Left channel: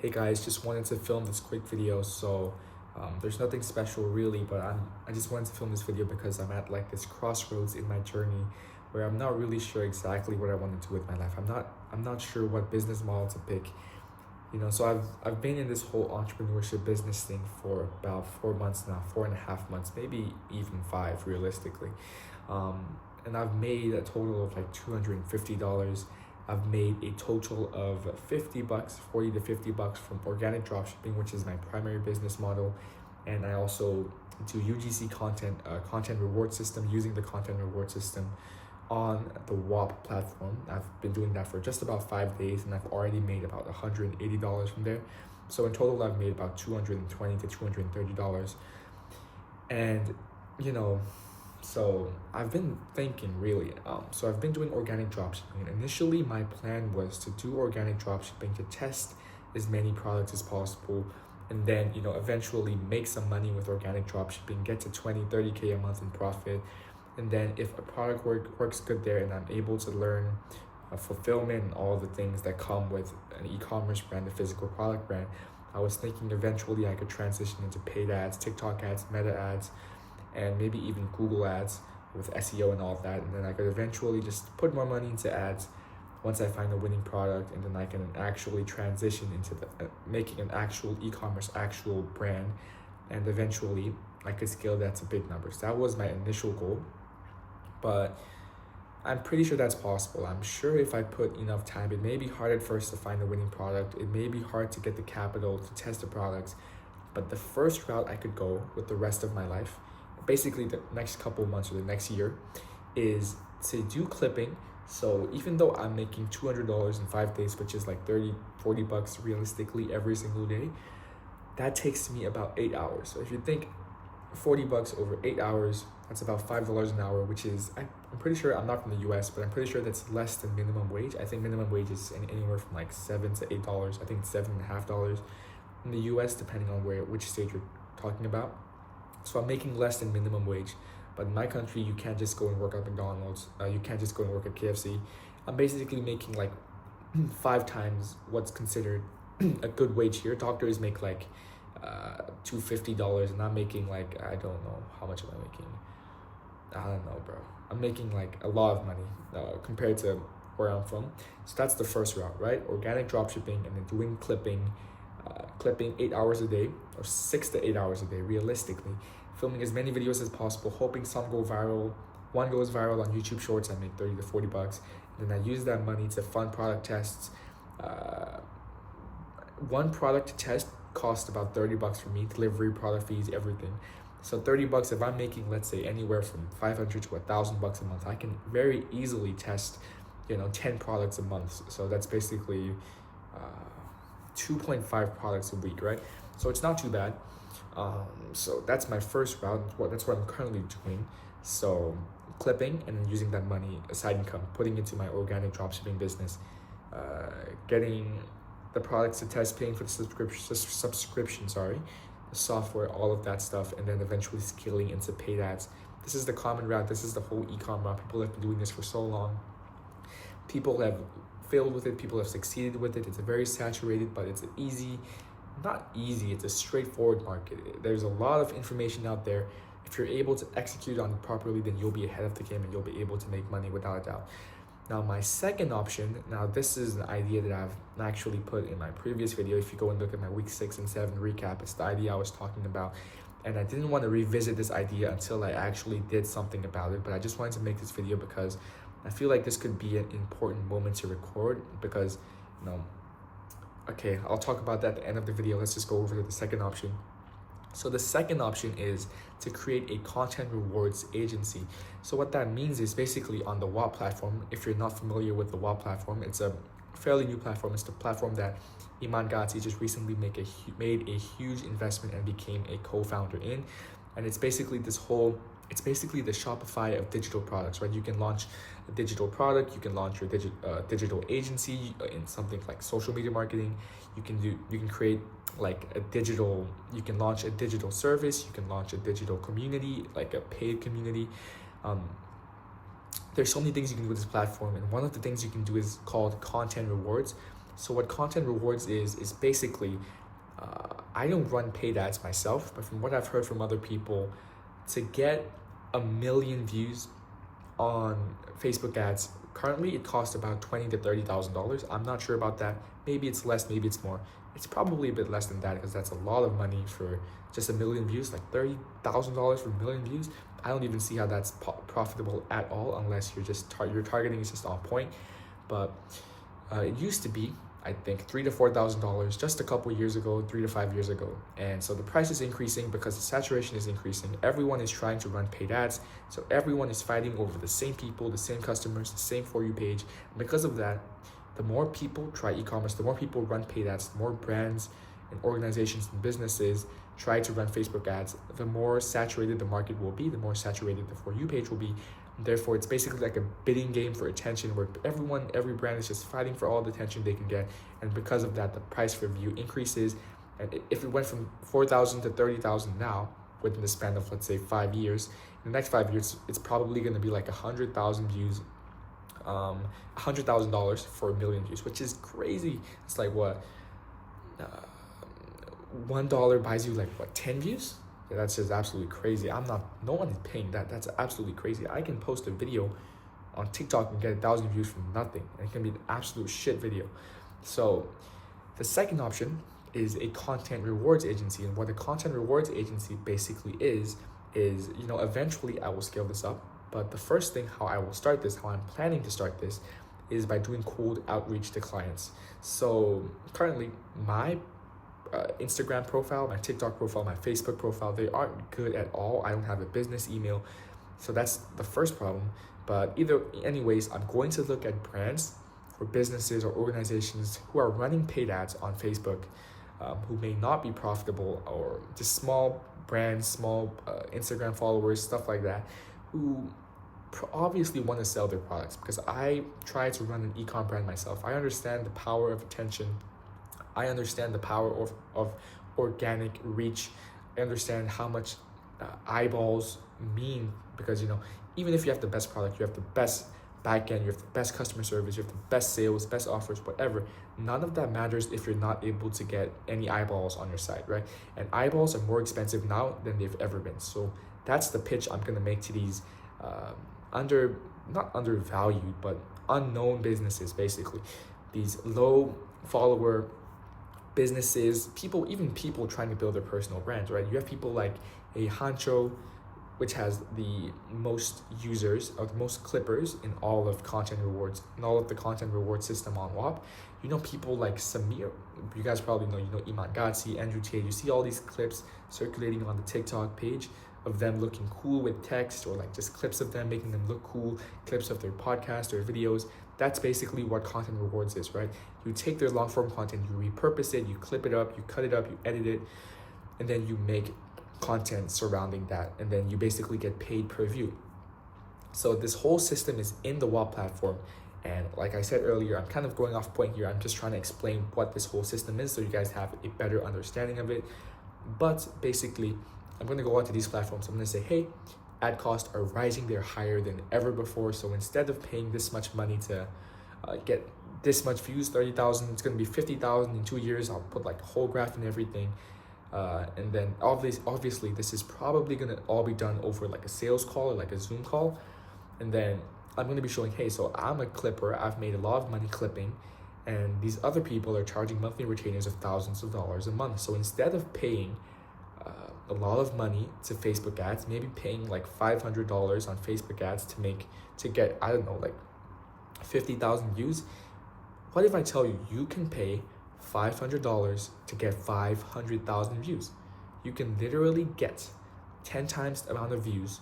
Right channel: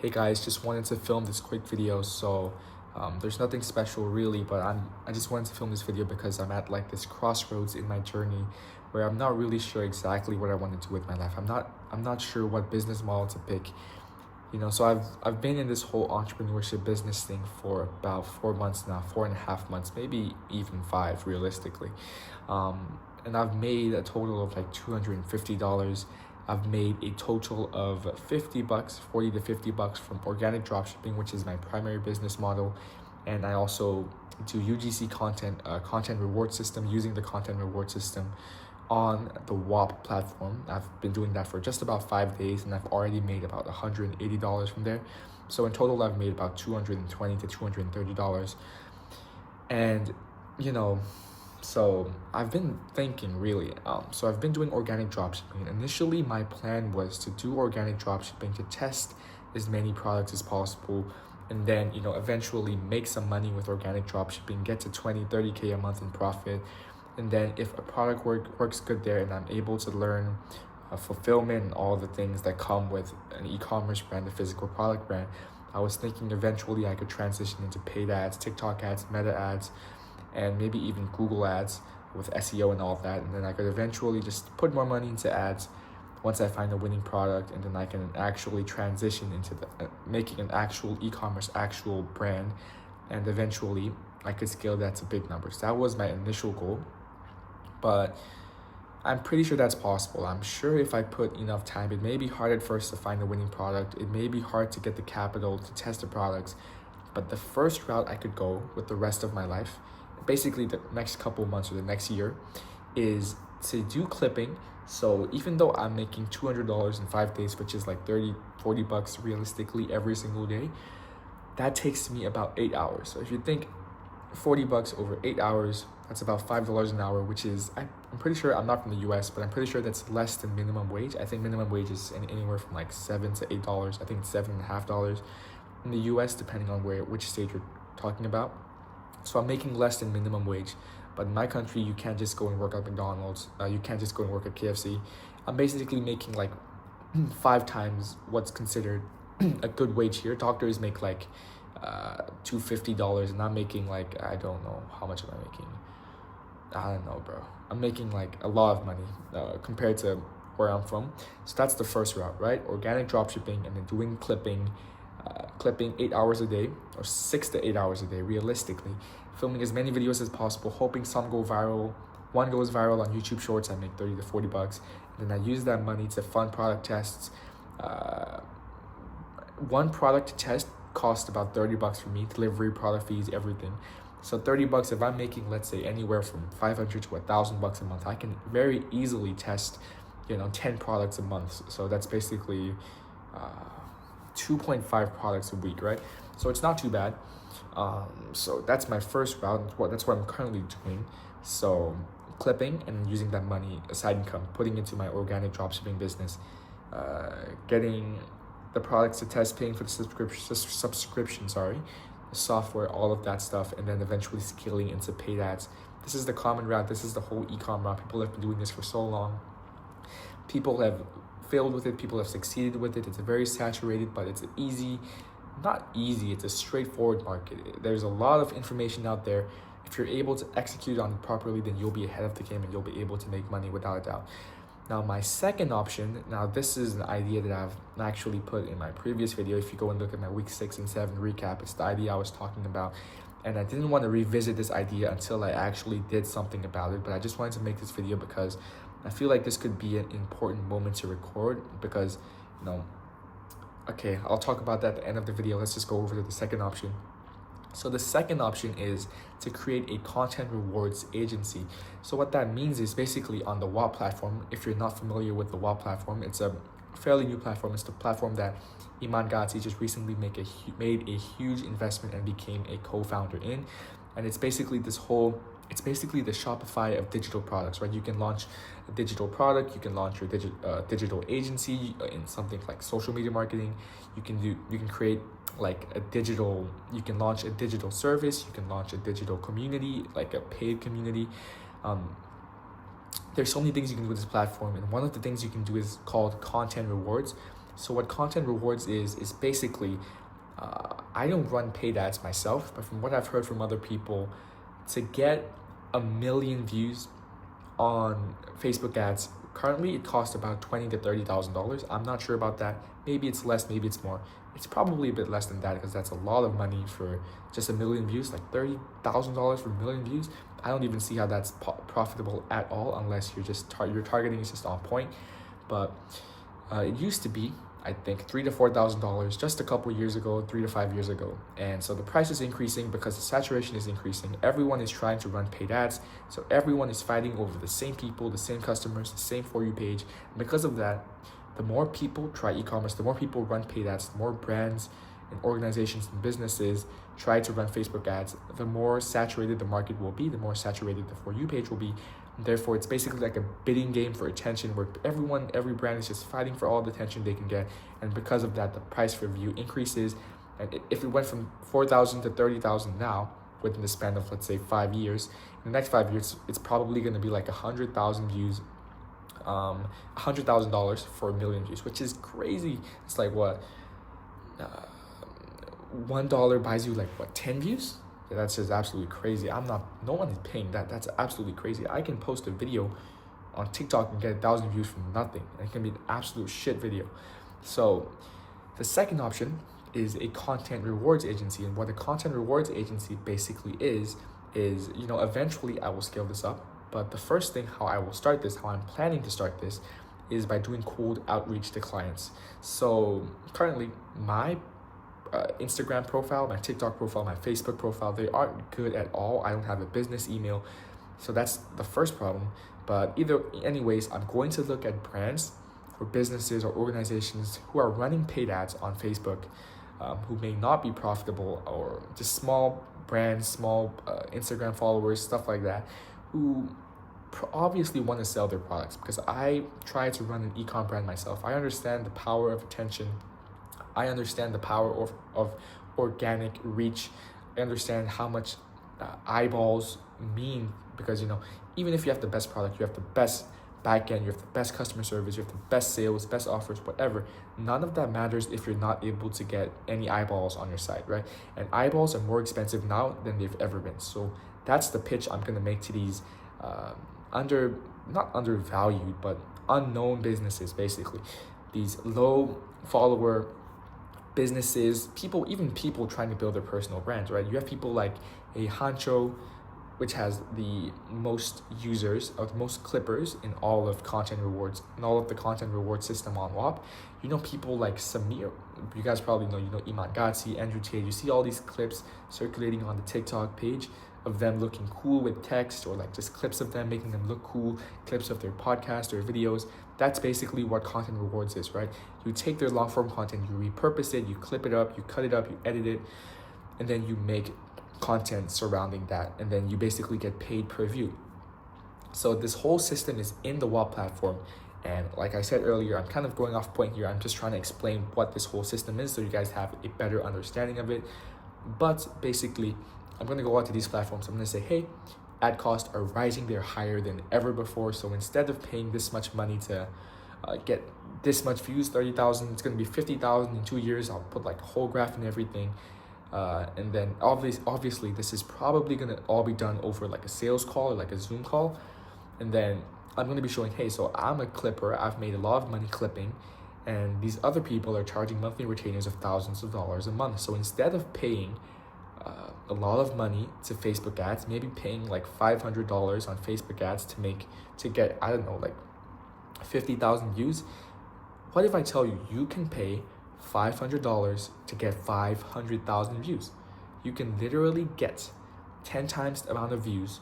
Hey guys, just wanted to film this quick video. There's nothing special really, but I just wanted to film this video because I'm at like this crossroads in my journey where I'm not really sure exactly what I want to do with my life. I'm not sure what business model to pick. So I've been in this whole entrepreneurship business thing for about 4 months now, 4.5 months, maybe even five realistically. And I've made a total of like $250. I've made a total of 50 bucks, 40 to 50 bucks from organic dropshipping, which is my primary business model. And I also do UGC content reward system, using the content reward system on the WAP platform. I've been doing that for just about 5 days and I've already made about $180 from there. So in total, I've made about $220 to $230. And, you know, so I've been thinking really, so I've been doing organic dropshipping. Initially, my plan was to do organic dropshipping to test as many products as possible and then, eventually make some money with organic dropshipping, get to 20, 30K a month in profit. And then if a product works good there and I'm able to learn fulfillment and all the things that come with an e-commerce brand, a physical product brand, I was thinking eventually I could transition into paid ads, TikTok ads, Meta ads, and maybe even Google ads with SEO and all of that. And then I could eventually just put more money into ads once I find a winning product, and then I can actually transition into making an actual e-commerce, actual brand, and eventually I could scale that to big numbers. That was my initial goal, but I'm pretty sure that's possible. I'm sure if I put enough time, it may be hard at first to find a winning product. It may be hard to get the capital to test the products, but the first route I could go with the rest of my life, basically the next couple of months or the next year, is to do clipping. So even though I'm making $200 in 5 days, which is like 30, 40 bucks realistically every single day, that takes me about 8 hours. So if you think 40 bucks over 8 hours, that's about $5 an hour, which is, I'm pretty sure, I'm not from the US, but I'm pretty sure that's less than minimum wage. I think minimum wage is anywhere from like $7 to $8. I think it's $7.50 in the US, depending on which state you're talking about. So I'm making less than minimum wage. But in my country, you can't just go and work at McDonald's. You can't just go and work at KFC. I'm basically making like 5 times what's considered a good wage here. Doctors make like $250, and I'm making like, I don't know, how much am I making? I don't know, bro. I'm making like a lot of money compared to where I'm from. So that's the first route, right? Organic dropshipping and then doing clipping 8 hours a day or 6 to 8 hours a day, realistically. Filming as many videos as possible, hoping some go viral. One goes viral on YouTube Shorts, I make 30 to 40 bucks. And then I use that money to fund product tests. One product to test cost about 30 bucks for me, delivery, product fees, everything. So 30 bucks, if I'm making, let's say, anywhere from 500 to 1,000 bucks a month, I can very easily test, 10 products a month. So that's basically 2.5 products a week, right? So it's not too bad. So that's my first route. That's what I'm currently doing. So clipping and then using that money, a side income, putting into my organic dropshipping business, getting the products to test, paying for the subscription, the software, all of that stuff, and then eventually scaling into paid ads. This is the common route. This is the whole e-com route. People have been doing this for so long. People have failed with it. People have succeeded with it. It's very saturated, but it's not easy, it's a straightforward market. There's a lot of information out there. If you're able to execute on it properly, then you'll be ahead of the game and you'll be able to make money without a doubt. Now, my second option, this is an idea that I've actually put in my previous video. If you go and look at my week 6 and 7 recap, it's the idea I was talking about. And I didn't want to revisit this idea until I actually did something about it, but I just wanted to make this video because I feel like this could be an important moment to record because, okay, I'll talk about that at the end of the video. Let's just go over to the second option. So the second option is to create a content rewards agency. So what that means is basically on the WAP platform, if you're not familiar with the WAP platform, it's a fairly new platform. It's the platform that Iman Gadzhi just recently made a huge investment and became a co-founder in. And it's basically the Shopify of digital products, right? You can launch a digital product, you can launch your digital agency in something like social media marketing. You can create like you can launch a digital service, you can launch a digital community, like a paid community. There's so many things you can do with this platform, and one of the things you can do is called content rewards. So what content rewards is basically, I don't run paid ads myself, but from what I've heard from other people, to get 1 million views on Facebook ads, currently it costs about $20,000 to $30,000. I'm not sure about that. Maybe it's less, maybe it's more. It's probably a bit less than that because that's a lot of money for just 1 million views, like $30,000 for 1 million views. I don't even see how that's profitable at all unless you're just your targeting is just on point. But it used to be, I think, $3,000 to $4,000 just a couple years ago, 3 to 5 years ago. And so the price is increasing because the saturation is increasing. Everyone is trying to run paid ads. So everyone is fighting over the same people, the same customers, the same For You page. And because of that, the more people try e-commerce, the more people run paid ads, the more brands and organizations and businesses try to run Facebook ads, the more saturated the market will be, the more saturated the For You page will be. Therefore, it's basically like a bidding game for attention where every brand is just fighting for all the attention they can get. And because of that, the price per view increases. And if it went from 4,000 to 30,000 now, within the span of, let's say, 5 years, in the next 5 years, it's probably going to be like 100,000 views, $100,000 for 1 million views, which is crazy. It's like what? $1 buys you like what, 10 views? Yeah, that's just absolutely crazy. No one is paying that. That's absolutely crazy. I can post a video on TikTok and get 1,000 views from nothing. And it can be an absolute shit video. So the second option is a content rewards agency. And what a content rewards agency basically is, eventually I will scale this up. But the first thing, how I will start this, how I'm planning to start this, is by doing cold outreach to clients. So currently my Instagram profile, my TikTok profile, my Facebook profile, they aren't good at all. I don't have a business email. So that's the first problem. But anyways, I'm going to look at brands or businesses or organizations who are running paid ads on Facebook, who may not be profitable, or just small brands, small Instagram followers, stuff like that, who obviously want to sell their products. Because I try to run an e-com brand myself. I understand the power of attention. I understand the power of organic reach. I understand how much eyeballs mean, because even if you have the best product, you have the best backend, you have the best customer service, you have the best sales, best offers, whatever, none of that matters if you're not able to get any eyeballs on your site, right? And eyeballs are more expensive now than they've ever been. So that's the pitch I'm gonna make to these not undervalued, but unknown businesses, basically. These low follower businesses, even people trying to build their personal brands, right? You have people like a Hancho, which has the most users, or the most clippers in all of content rewards, in all of the content reward system on WAP. People like Samir, you guys probably know, Iman Ghatzi, Andrew Tate. You see all these clips circulating on the TikTok page of them looking cool with text, or like just clips of them making them look cool, clips of their podcast or videos. That's basically what content rewards is, right? You take their long form content, you repurpose it, you clip it up, you cut it up, you edit it, and then you make content surrounding that, and then you basically get paid per view. So this whole system is in the WAP platform, and like I said earlier, I'm kind of going off point here. I'm just trying to explain what this whole system is so you guys have a better understanding of it. But basically, I'm going to go out to these platforms. I'm going to say, hey, ad costs are rising. They're higher than ever before. So instead of paying this much money to get this much views, 30,000, it's going to be 50,000 in 2 years. I'll put like a whole graph and everything. And then obviously this is probably going to all be done over like a sales call or like a Zoom call. And then I'm going to be showing, hey, so I'm a clipper. I've made a lot of money clipping, and these other people are charging monthly retainers of thousands of dollars a month. So instead of paying a lot of money to Facebook ads, maybe paying like $500 on Facebook ads to get, I don't know, like 50,000 views. What if I tell you, you can pay $500 to get 500,000 views? You can literally get 10 times the amount of views,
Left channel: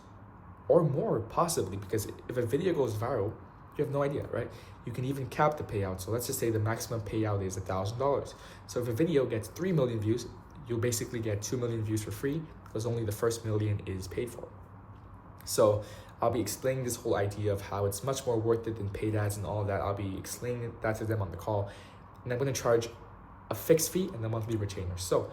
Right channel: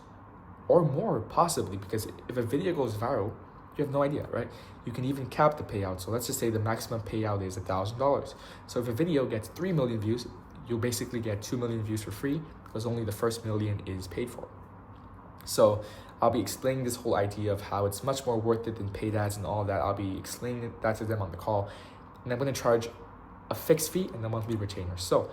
or more possibly, because if a video goes viral, you have no idea, right? You can even cap the payout. So let's just say the maximum payout is $1,000. So if a video gets 3 million views, you'll basically get 2 million views for free, because only the first million is paid for. So I'll be explaining this whole idea of how it's much more worth it than paid ads and all that. I'll be explaining that to them on the call. And I'm going to charge a fixed fee and a monthly retainer. So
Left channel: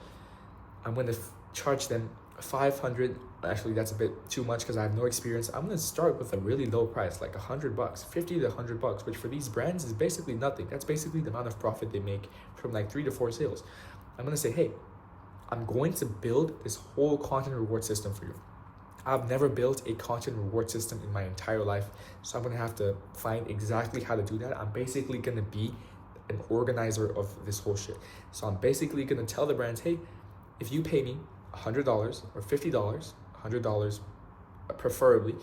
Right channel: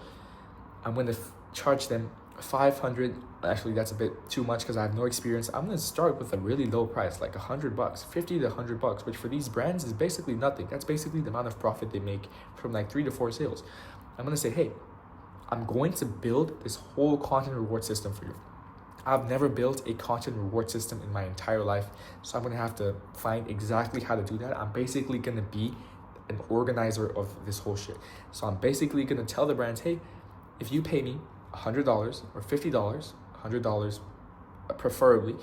I'm going to charge them 500, actually that's a bit too much because I have no experience. I'm gonna start with a really low price, like $100, 50 to $100, which for these brands is basically nothing. That's basically the amount of profit they make from like 3 to 4 sales. I'm gonna say, hey, I'm going to build this whole content reward system for you. I've never built a content reward system in my entire life, so I'm gonna have to find exactly how to do that. I'm basically gonna be an organizer of this whole shit. So I'm basically gonna tell the brands, hey, if you pay me $100 or $50, $100 preferably,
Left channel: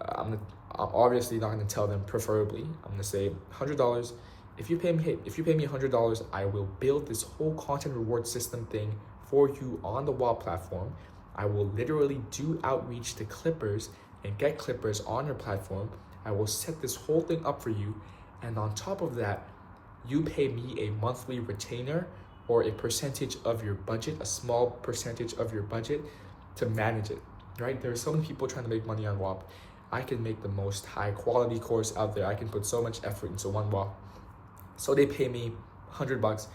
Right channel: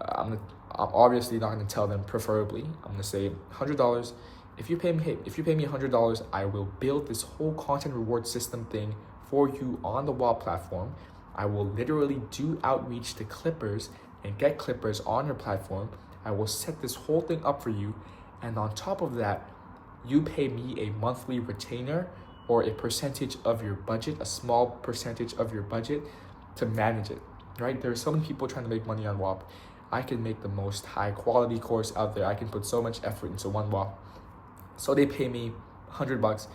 I'm obviously not gonna tell them preferably. I'm gonna say $100. If you pay me $100, I will build this whole content reward system thing for you on the WOP platform. I will literally do outreach to Clippers and get Clippers on your platform. I will set this whole thing up for you. And on top of that, you pay me a monthly retainer or a percentage of your budget, a small percentage of your budget to manage it, right? There's so many people trying to make money on WOP. I can make the most high quality course out there. I can put so much effort into one WOP. So they pay me $100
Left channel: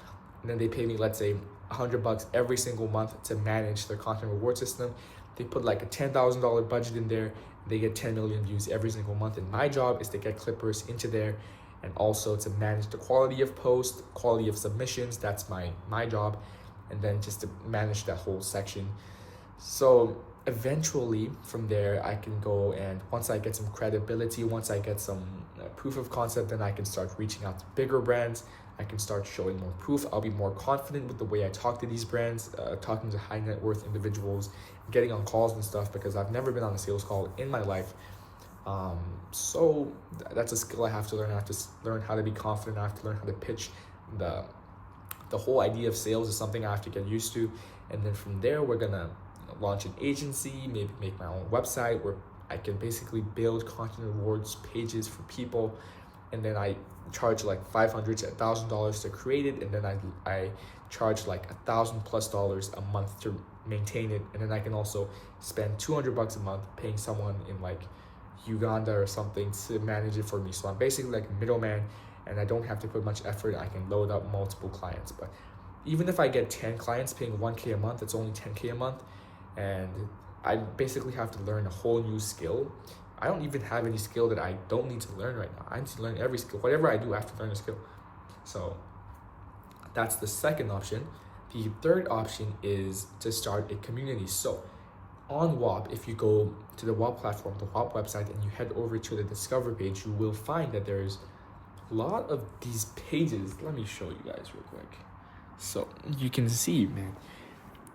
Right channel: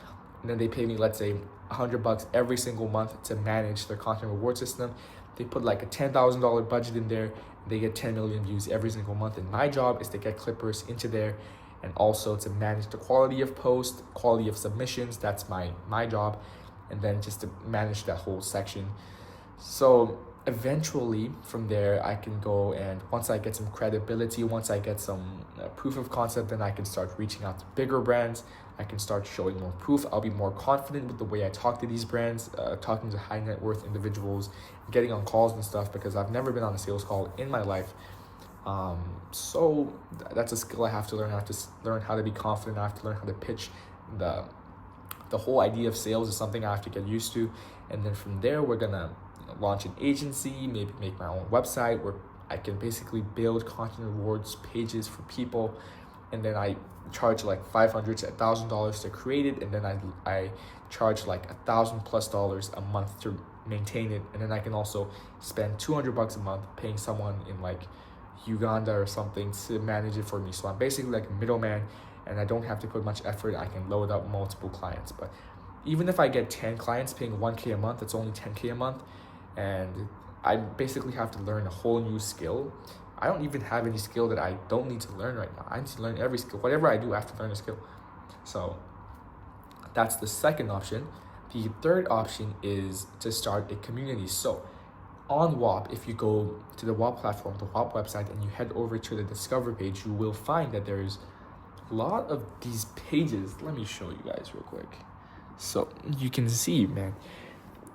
and then they pay me, let's say, $100 every single month to manage their content reward system. They put like a $10,000 budget in there. They get 10 million views every single month. And my job is to get Clippers into there and also to manage the quality of posts, quality of submissions. That's my job. And then just to manage that whole section. So eventually from there, I can go, and once I get some credibility, once I get some proof of concept, then I can start reaching out to bigger brands. I can start showing more proof. I'll be more confident with the way I talk to these brands, talking to high net worth individuals, getting on calls and stuff, because I've never been on a sales call in my life. So that's a skill I have to learn. I have to learn how to be confident. I have to learn how to pitch. The whole idea of sales is something I have to get used to. And then from there, we're gonna launch an agency, maybe make my own website where I can basically build content rewards pages for people. And then I charge like $500 to $1,000 to create it, and then I charge like $1,000+ a month to maintain it. And then I can also spend $200 a month paying someone in like Uganda or something to manage it for me. So I'm basically like a middleman, and I don't have to put much effort. I can load up multiple clients. But even if I get 10 clients paying $1K a month, it's only $10K a month, and I basically have to learn a whole new skill. I don't even have any skill that I don't need to learn right now. I need to learn every skill. Whatever I do, I have to learn a skill. So that's the second option. The third option is to start a community. So on WOP, if you go to the WOP platform, the WOP website, and you head over to the Discover page, you will find that there's a lot of these pages. Let me show you guys real quick. So you can see, man,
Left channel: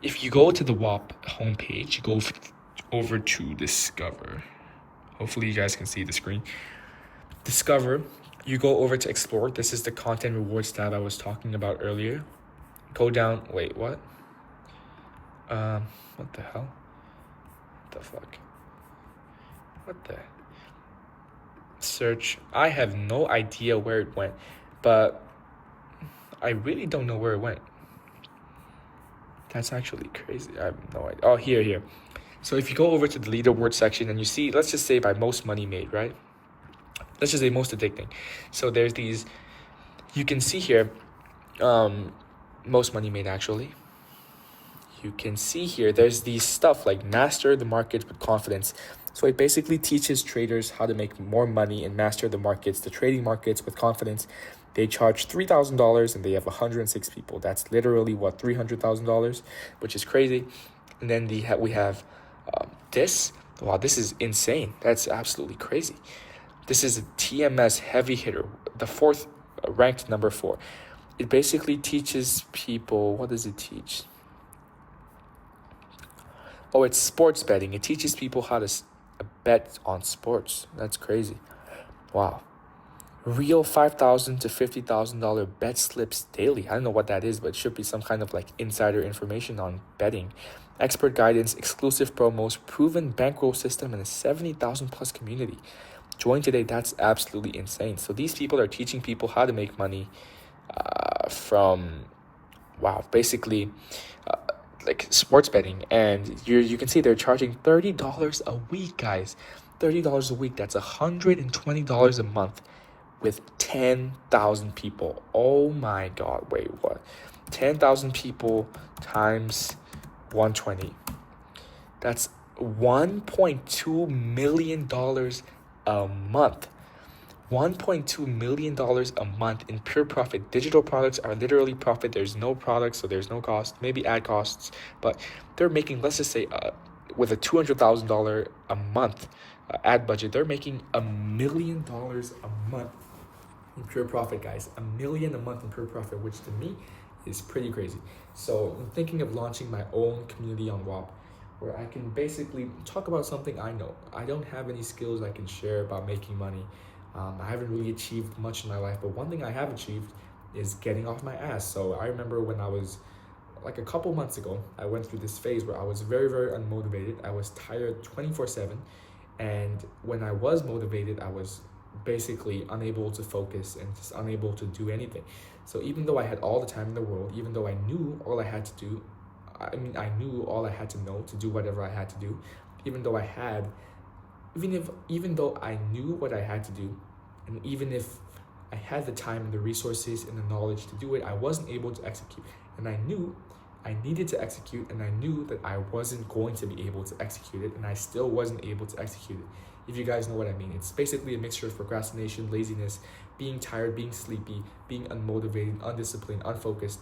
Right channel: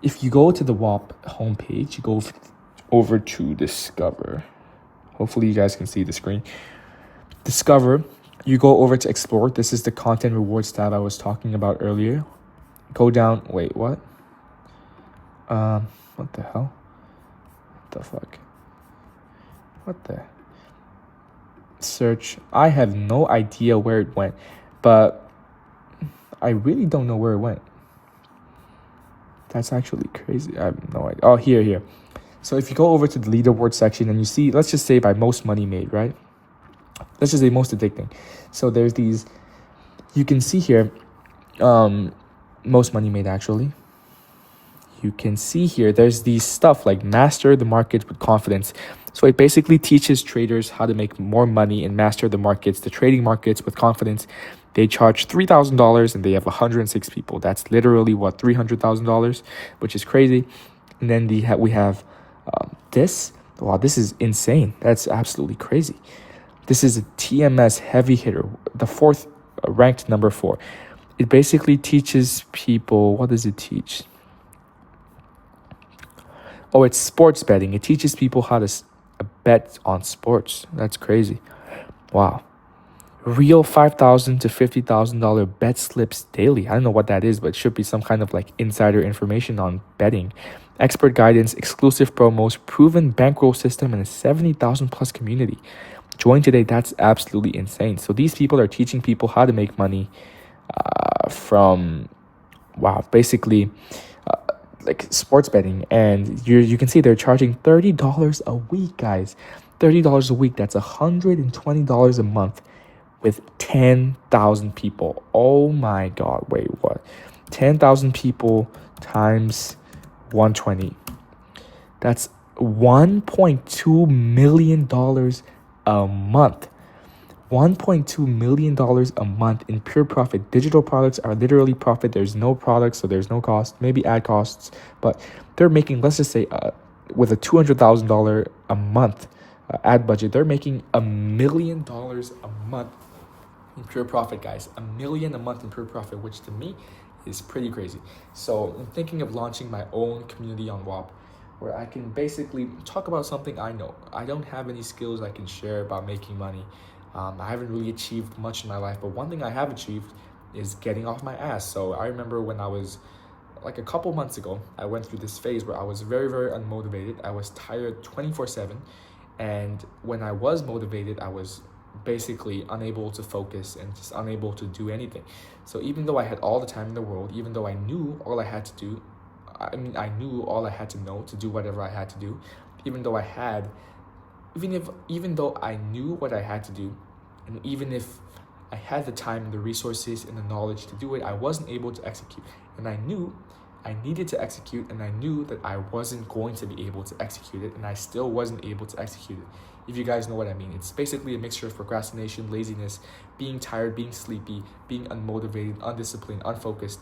if you go to the WOP homepage, you go over to Discover. Hopefully you guys can see the screen. Discover, you go over to Explore. This is the content rewards tab I was talking about earlier. Go down, wait, what? What the hell? What the fuck? What the? Search. I have no idea where it went, but I really don't know where it went. That's actually crazy. I have no idea. Oh, here. So if you go over to the leaderboard section and you see, let's just say by most money made, right? Let's just say most addicting. So there's these, you can see here, most money made actually. You can see here, there's these stuff like master the market with confidence. So it basically teaches traders how to make more money and master the markets, the trading markets with confidence. They charge $3,000 and they have 106 people. That's literally what, $300,000, which is crazy. And then we have this. Wow, this is insane. That's absolutely crazy. This is a TMS heavy hitter, the fourth, ranked number 4. It basically teaches people, what does it teach? Oh, it's sports betting. It teaches people how to bet on sports. That's crazy. Wow. Real $5,000 to $50,000 bet slips daily. I don't know what that is, but it should be some kind of like insider information on betting. Expert guidance, exclusive promos, proven bankroll system, and a 70,000+ community. Join today. That's absolutely insane. So these people are teaching people how to make money from, wow, basically like sports betting. And you can see they're charging $30 a week, guys. $30 a week. That's $120 a month with 10,000 people. Oh my God. Wait, what? 10,000 people times 120. That's $1.2 million a month. $1.2 million a month in pure profit. Digital products are literally profit. There's no product, so there's no cost, maybe ad costs, but they're making, let's just say, with a $200,000 a month ad budget, they're making $1 million a month in pure profit, guys. $1 million a month in pure profit, which to me is pretty crazy. So I'm thinking of launching my own community on WAP, where I can basically talk about something I know. I don't have any skills I can share about making money. I haven't really achieved much in my life, but one thing I have achieved is getting off my ass. So I remember when I was like a couple months ago, I went through this phase where I was very, very unmotivated. I was tired 24/7. And when I was motivated, I was basically unable to focus and just unable to do anything. So even though I had all the time in the world, even though I knew all I had to do, I knew all I had to know to do whatever I had to do, even though even though I knew what I had to do, and even if I had the time and the resources and the knowledge to do it, I wasn't able to execute. And I knew I needed to execute, and I knew that I wasn't going to be able to execute it, and I still wasn't able to execute it. If you guys know what I mean, it's basically a mixture of procrastination, laziness, being tired, being sleepy, being unmotivated, undisciplined, unfocused.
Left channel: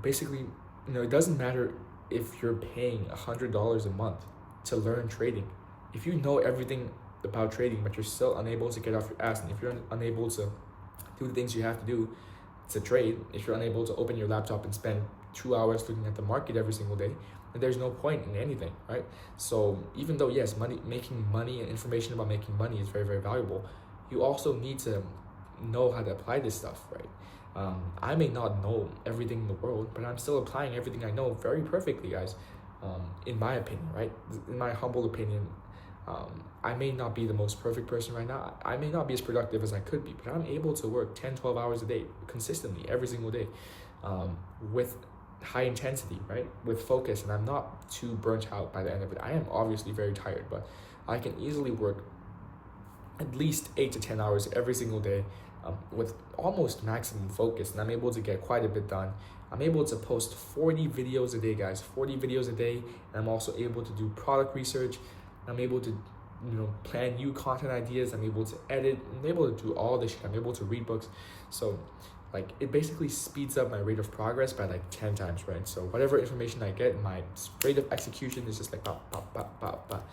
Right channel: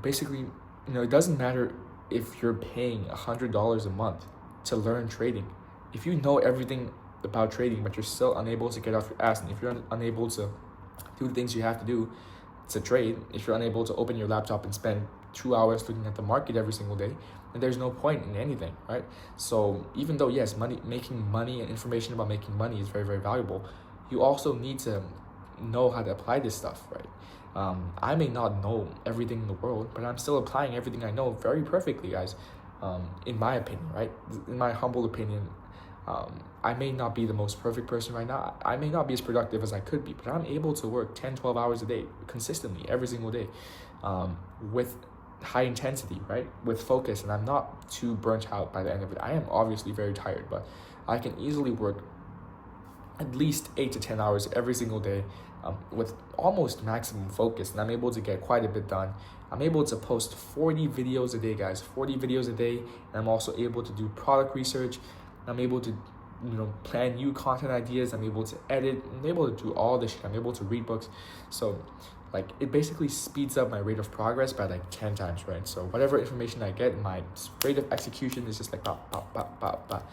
Basically, it doesn't matter if you're paying $100 a month to learn trading. If you know everything about trading, but you're still unable to get off your ass, and if you're unable to do the things you have to do to trade, if you're unable to open your laptop and spend 2 hours looking at the market every single day, then there's no point in anything, right? So even though, yes, making money and information about making money is very, very valuable, you also need to know how to apply this stuff, right? I may not know everything in the world, but I'm still applying everything I know very perfectly, guys. In my opinion, right? In my humble opinion, I may not be the most perfect person right now. I may not be as productive as I could be, but I'm able to work 10, 12 hours a day consistently every single day, with high intensity, right? With focus, and I'm not too burnt out by the end of it. I am obviously very tired, but I can easily work at least 8 to 10 hours every single day, with almost maximum focus, and I'm able to get quite a bit done. I'm able to post 40 videos a day, guys, 40 videos a day, and I'm also able to do product research. I'm able to, plan new content ideas. I'm able to edit. I'm able to do all this shit. I'm able to read books. So, it basically speeds up my rate of progress by 10 times, right? So whatever information I get, my rate of execution is just pop, pop, pop, pop, pop.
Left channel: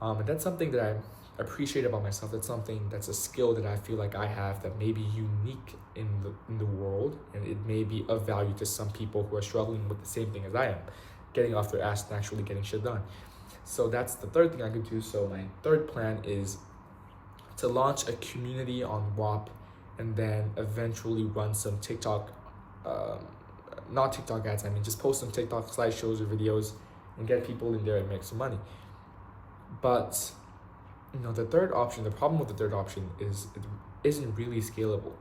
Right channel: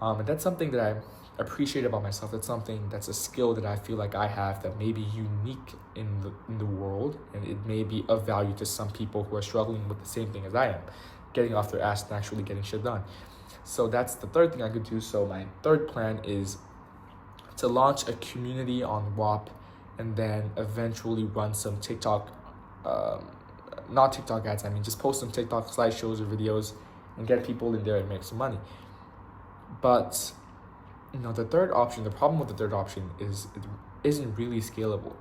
And that's something that I appreciate about myself. That's a skill that I feel like I have that may be unique in the world, and it may be of value to some people who are struggling with the same thing as I am, getting off their ass and actually getting shit done. So that's the third thing I could do. So my third plan is to launch a community on WAP, and then eventually run some TikTok, not TikTok ads, just post some TikTok slideshows or videos and get people in there and make some money. But, the third option, the problem with the third option is it isn't really scalable.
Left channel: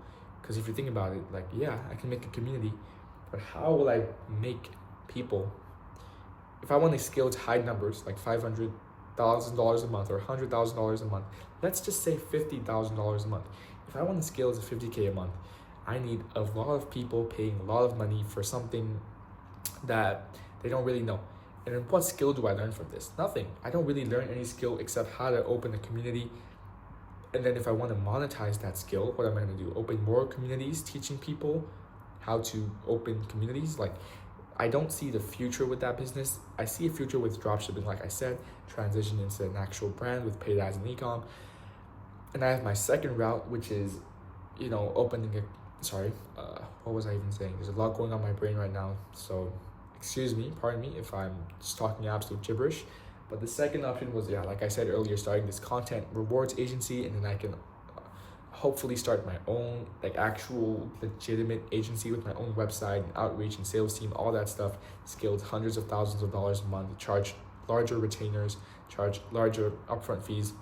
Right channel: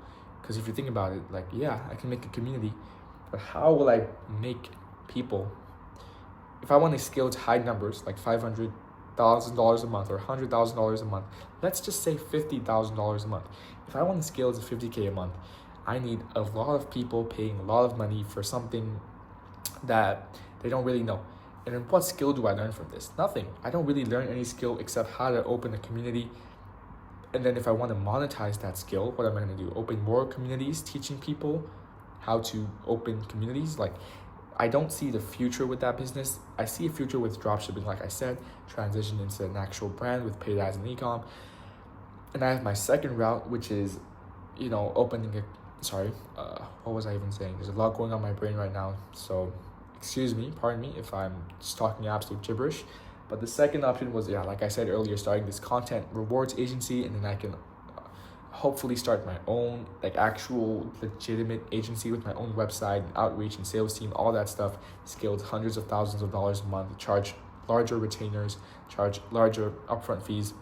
Because if you think about it, yeah, I can make a community, but how will I make people? If I want to scale to high numbers, like $500,000 a month or $100,000 a month, let's just say $50,000 a month. If I want to scale to 50K a month, I need a lot of people paying a lot of money for something that they don't really know. And then what skill do I learn from this? Nothing. I don't really learn any skill except how to open a community. And then if I want to monetize that skill, what am I going to do? Open more communities, teaching people how to open communities. I don't see the future with that business. I see a future with dropshipping, like I said, transition into an actual brand with paid ads and e-com. And I have my second route, which is, opening what was I even saying? There's a lot going on in my brain right now. So pardon me if I'm just talking absolute gibberish. But the second option was, like I said earlier, starting this content rewards agency, and then I can hopefully start my own actual legitimate agency with my own website and outreach and sales team, all that stuff, scaled hundreds of thousands of dollars a month, charge larger retainers, charge larger upfront fees,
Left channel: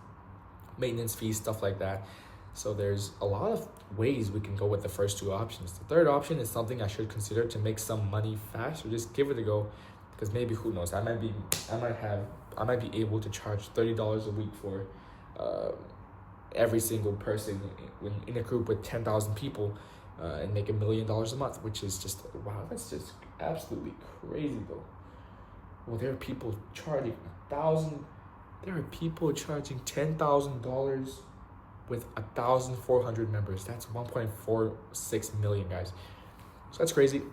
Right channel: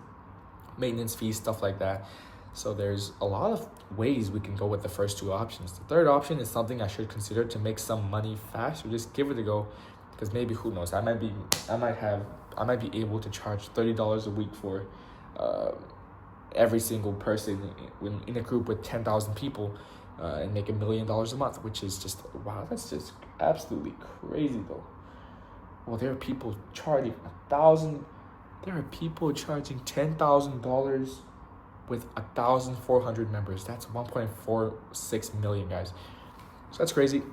maintenance fees, stuff like that. So there's a lot of ways we can go with the first two options. The third option is something I should consider to make some money fast, or just give it a go, because maybe, who knows, I might be able to charge $30 a week for every single person in a group with 10,000 people, and make $1 million a month, which is just, wow, that's just absolutely crazy though. Well, there are people charging 1,000. There are people charging $10,000 with 1,400 members. That's 1.46 million, guys. So that's crazy.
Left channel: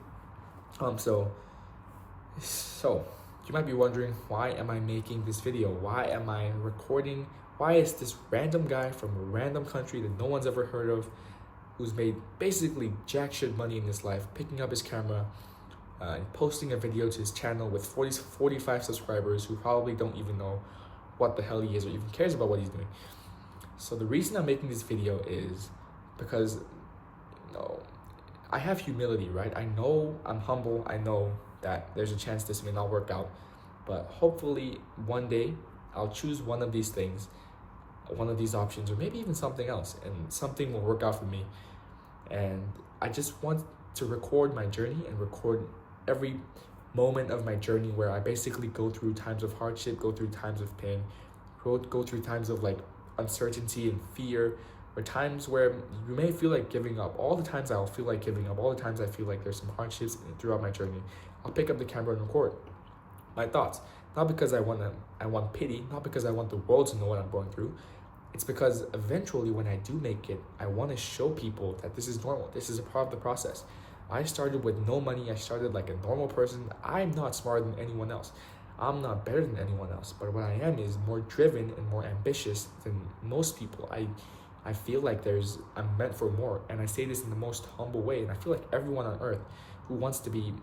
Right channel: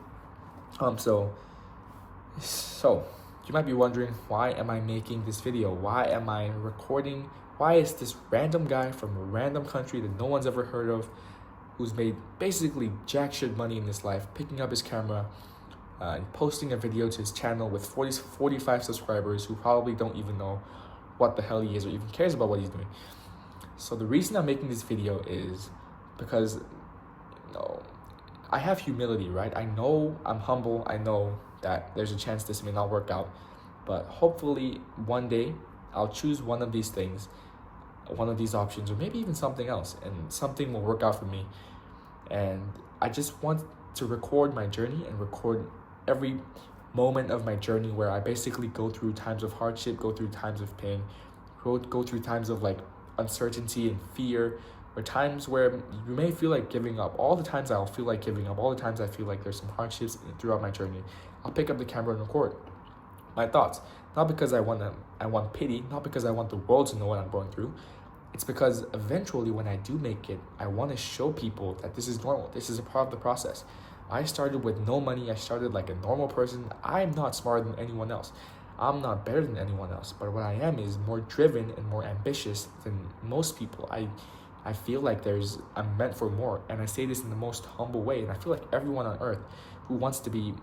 So you might be wondering, why am I making this video? Why am I recording? Why is this random guy from a random country that no one's ever heard of, who's made basically jack shit money in his life, picking up his camera, posting a video to his channel with 45 subscribers who probably don't even know what the hell he is or even cares about what he's doing? So the reason I'm making this video is because, I have humility, right? I know I'm humble. I know that there's a chance this may not work out, but hopefully one day I'll choose one of these things, one of these options, or maybe even something else, and something will work out for me. And I just want to record my journey and record every moment of my journey where I basically go through times of hardship, go through times of pain, go through times of like uncertainty and fear, or times where you may feel like giving up. All the times I'll feel like giving up, all the times I feel like there's some hardships throughout my journey, I'll pick up the camera and record my thoughts. Not because I want pity, not because I want the world to know what I'm going through. It's because eventually when I do make it, I want to show people that this is normal. This is a part of the process. I started with no money. I started like a normal person. I'm not smarter than anyone else. I'm not better than anyone else. But what I am is more driven and more ambitious than most people. I feel like I'm meant for more. And I say this in the most humble way. And I feel like everyone on earth who wants to be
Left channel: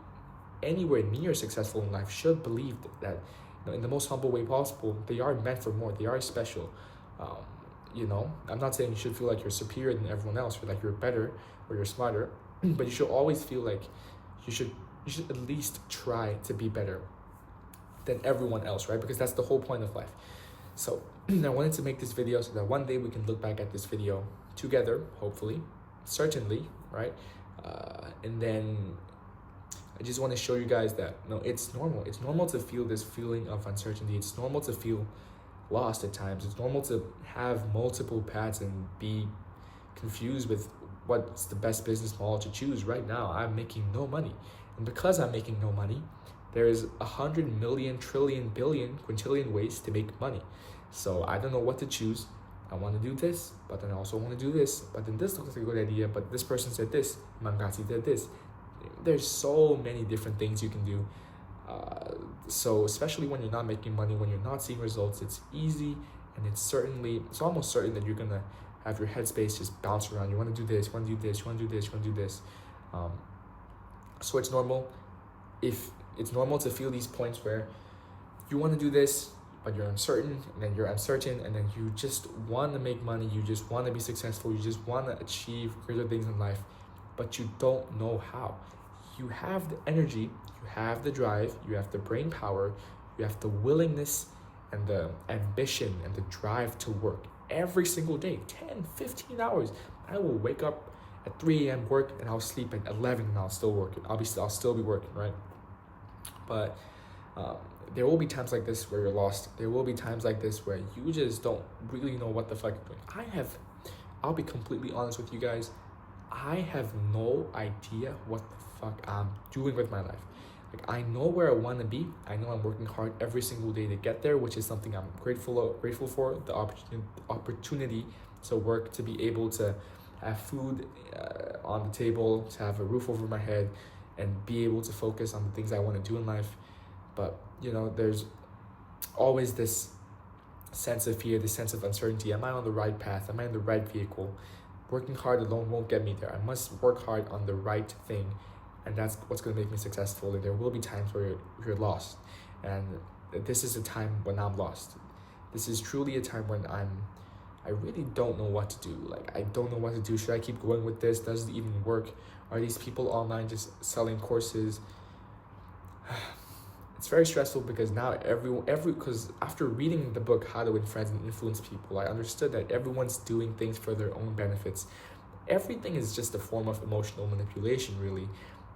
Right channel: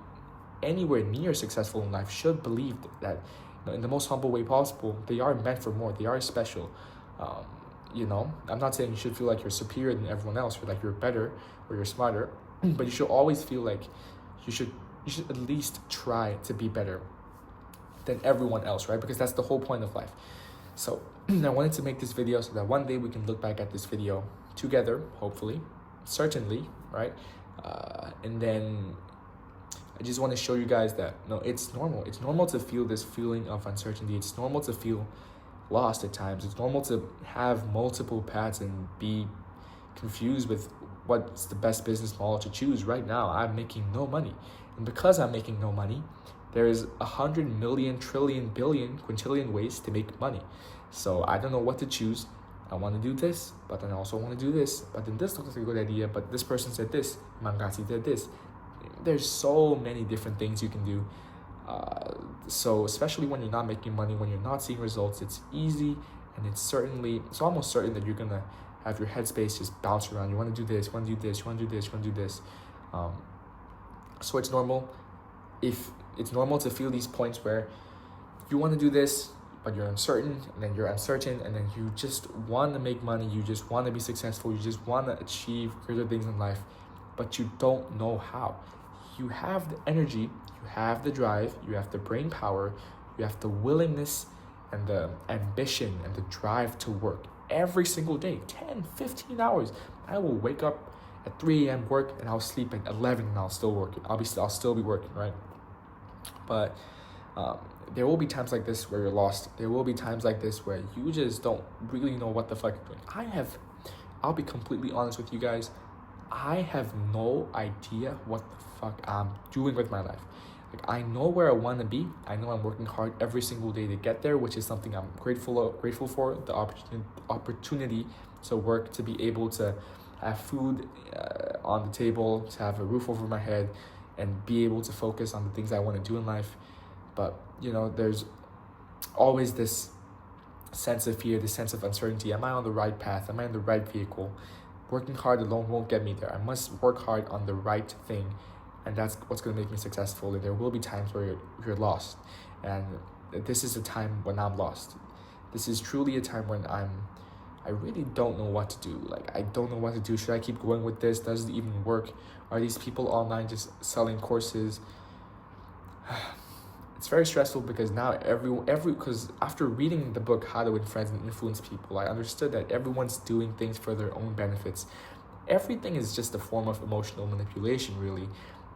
anywhere near successful in life should believe that, in the most humble way possible, they are meant for more. They are special. I'm not saying you should feel like you're superior than everyone else, or like you're better or you're smarter, but you should always feel like you should at least try to be better than everyone else, right? Because that's the whole point of life. So I wanted to make this video so that one day we can look back at this video together, hopefully, certainly, right? And then I just want to show you guys that, it's normal. It's normal to feel this feeling of uncertainty. It's normal to feel lost at times. It's normal to have multiple paths and be confused with what's the best business model to choose. Right now, I'm making no money. And because I'm making no money, there's 100 million, trillion, billion, quintillion ways to make money. So I don't know what to choose. I want to do this, but then I also want to do this. But then this looks like a good idea, but this person said this, Mangasi said this. There's so many different things you can do. So especially when you're not making money, when you're not seeing results, it's easy, and it's almost certain that you're gonna have your headspace just bounce around. You want to do this, you want to do this, you want to do this, you want to do this. So it's normal. If it's normal to feel these points where you want to do this, but you're uncertain, and then you're uncertain, and then you just want to make money, you just want to be successful, you just want to achieve greater things in life, but you don't know how. You have the energy, you have the drive, you have the brain power, you have the willingness and the ambition and the drive to work every single day, 10, 15 hours. I will wake up at 3 a.m. work, and I'll sleep at 11 and I'll still work. I'll still be working, right? But there will be times like this where you're lost. There will be times like this where you just don't really know what the fuck you're doing. I'll be completely honest with you guys. I have no idea what the fuck I'm doing with my life. Like, I know where I want to be. I know I'm working hard every single day to get there, which is something I'm grateful for, the opportunity to work, to be able to have food on the table, to have a roof over my head, and be able to focus on the things I want to do in life. But, there's always this sense of fear, this sense of uncertainty. Am I on the right path? Am I in the right vehicle? Working hard alone won't get me there. I must work hard on the right thing, and that's what's going to make me successful. And there will be times where you're lost, and this is a time when I'm lost. This is truly a time when I really don't know what to do. Like, I don't know what to do. Should I keep going with this? Does it even work? Are these people online just selling courses? It's very stressful because now because after reading the book How to Win Friends and Influence People, I understood that everyone's doing things for their own benefits. Everything is just a form of emotional manipulation, really.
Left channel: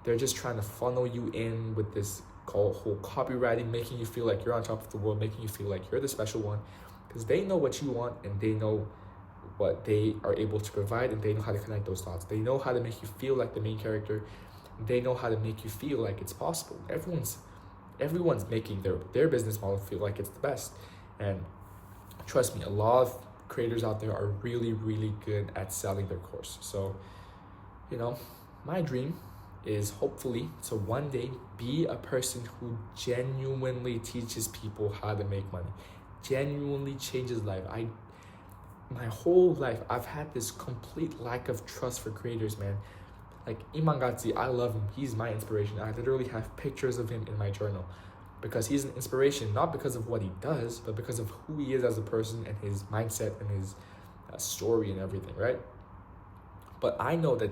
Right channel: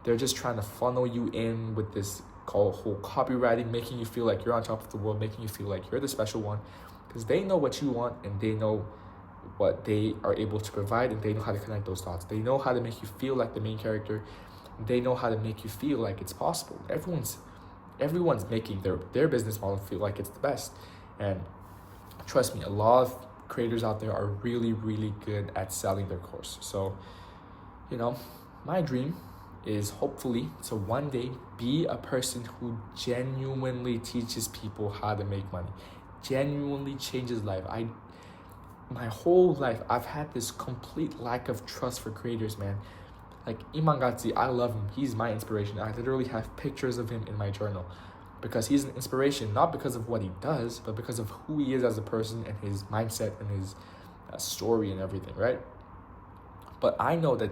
They're just trying to funnel you in with this whole copywriting, making you feel like you're on top of the world, making you feel like you're the special one, because they know what you want, and they know what they are able to provide, and they know how to connect those dots. They know how to make you feel like the main character. They know how to make you feel like it's possible. everyone's making their business model feel like it's the best. And trust me, a lot of creators out there are really, really good at selling their course. So, you know, my dream is hopefully to one day be a person who genuinely teaches people how to make money, genuinely changes life. My whole life, I've had this complete lack of trust for creators, man. Like Iman Gadzhi, I love him. He's my inspiration. I literally have pictures of him in my journal because he's an inspiration, not because of what he does, but because of who he is as a person and his mindset and his story and everything, right? But I know that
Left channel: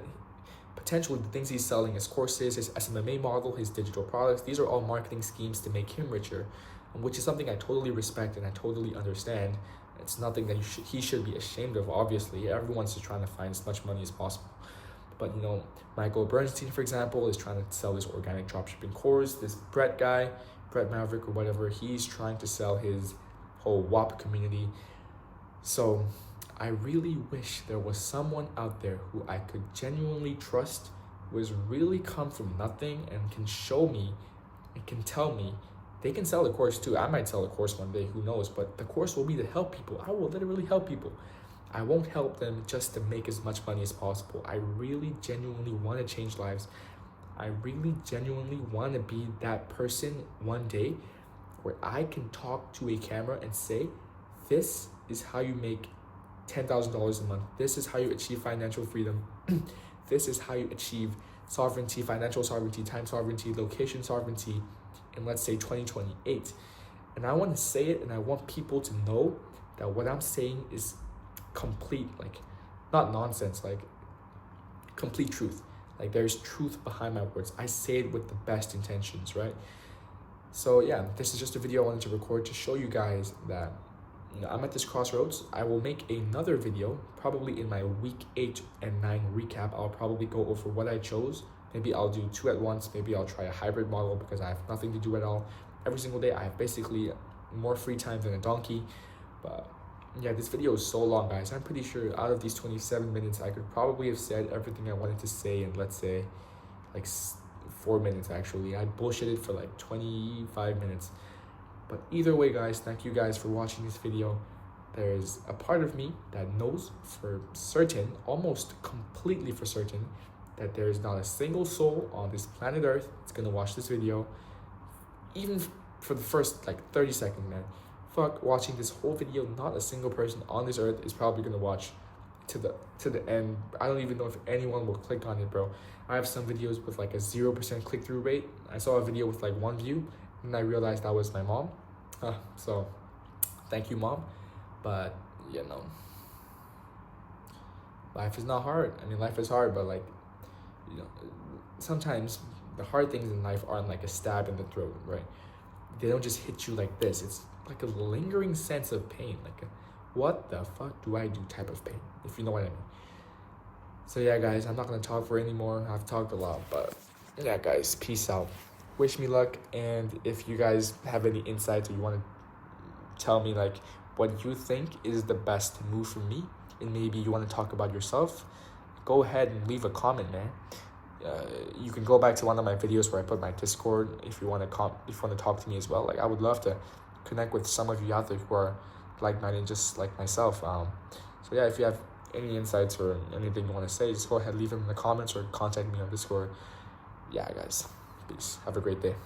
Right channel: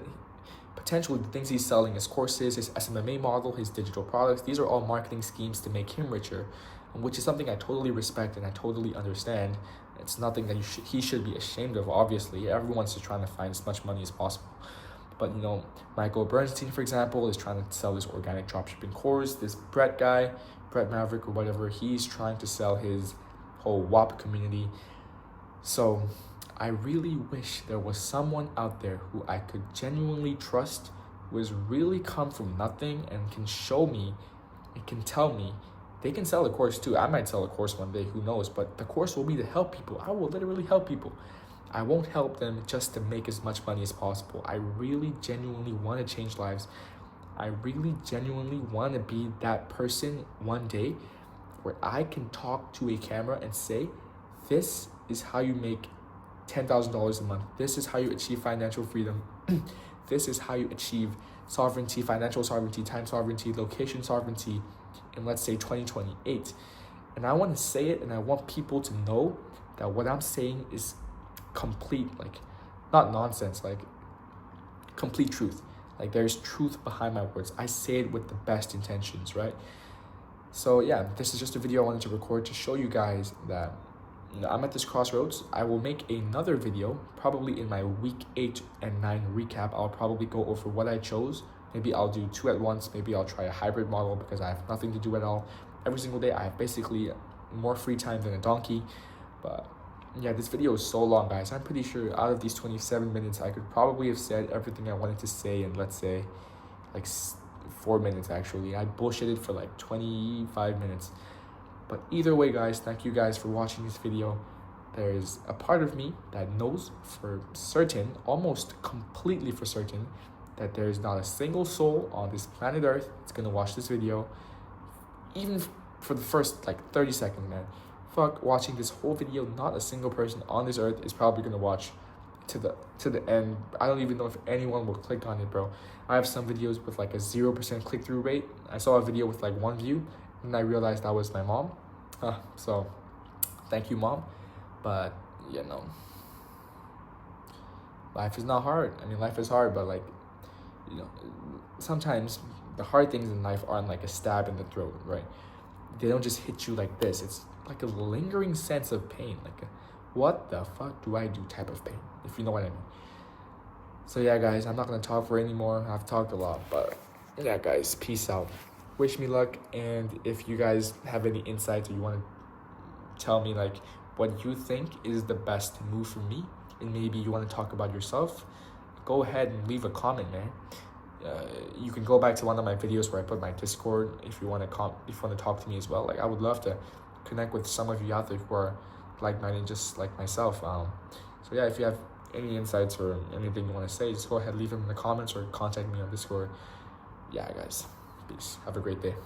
potentially the things he's selling, his courses, his SMMA model, his digital products, these are all marketing schemes to make him richer, which is something I totally respect and I totally understand. It's nothing that he should be ashamed of, obviously. Everyone's just trying to find as much money as possible. But, you know, Michael Bernstein, for example, is trying to sell this organic dropshipping course. This Brett Maverick or whatever, he's trying to sell his whole WAP community. So I really wish there was someone out there who I could genuinely trust, who has really come from nothing and can show me and can tell me. They can sell a course too. I might sell a course one day, who knows? But the course will be to help people. I will literally help people. I won't help them just to make as much money as possible. I really genuinely want to change lives. I really genuinely want to be that person one day where I can talk to a camera and say, this is how you make $10,000 a month. This is how you achieve financial freedom. This is how you achieve sovereignty, financial sovereignty, time sovereignty, location sovereignty in, let's say, 2028. And I want to say it, and I want people to know that what I'm saying is complete, like, not nonsense, like complete truth. Like, there's truth behind my words. I say it with the best intentions, right? So yeah, this is just a video I wanted to record to show you guys that, you know, I'm at this crossroads. I will make another video probably in my week 8 and 9 recap. I'll probably go over what I chose. Maybe I'll do 2 at once. Maybe I'll try a hybrid model because I have nothing to do at all. Every single day I have basically more free time than a donkey. But yeah, this video is so long, guys. I'm pretty sure out of these 27 minutes, I could probably have said everything I wanted to say in, let's say, like 4 minutes, actually. I bullshitted for like 25 minutes. But either way, guys, thank you guys for watching this video. There's a part of me that knows for certain, almost completely for certain, that there's not a single soul on this planet Earth that's gonna watch this video, even for the first like 30 seconds, man. Fuck watching this whole video. Not a single person on this earth is probably gonna watch to the end. I don't even know if anyone will click on it, bro. I have some videos with like a 0% click-through rate. I saw a video with like 1 view and I realized that was my mom. So thank you, Mom. But you know, life is not hard. I mean, life is hard, but like, you know, sometimes the hard things in life aren't like a stab in the throat, right? They don't just hit you like this. It's like a lingering sense of pain, like a what the fuck do I do type of pain, if you know what I mean. So yeah, guys, I'm not gonna talk for any more. I've talked a lot, but yeah, guys, peace out. Wish me luck, and if you guys have any insights or you want to tell me like what you think is the best move for me, and maybe you want to talk about yourself, go ahead and leave a comment, man. You can go back to one of my videos where I put my Discord if you want to talk to me as well. Like, I would love to connect with some of you out there who are like-minded, just like myself. So yeah, if you have any insights or anything you want to say, just go ahead, leave them in the comments or contact me on Discord. Yeah, guys, peace. Have a great day.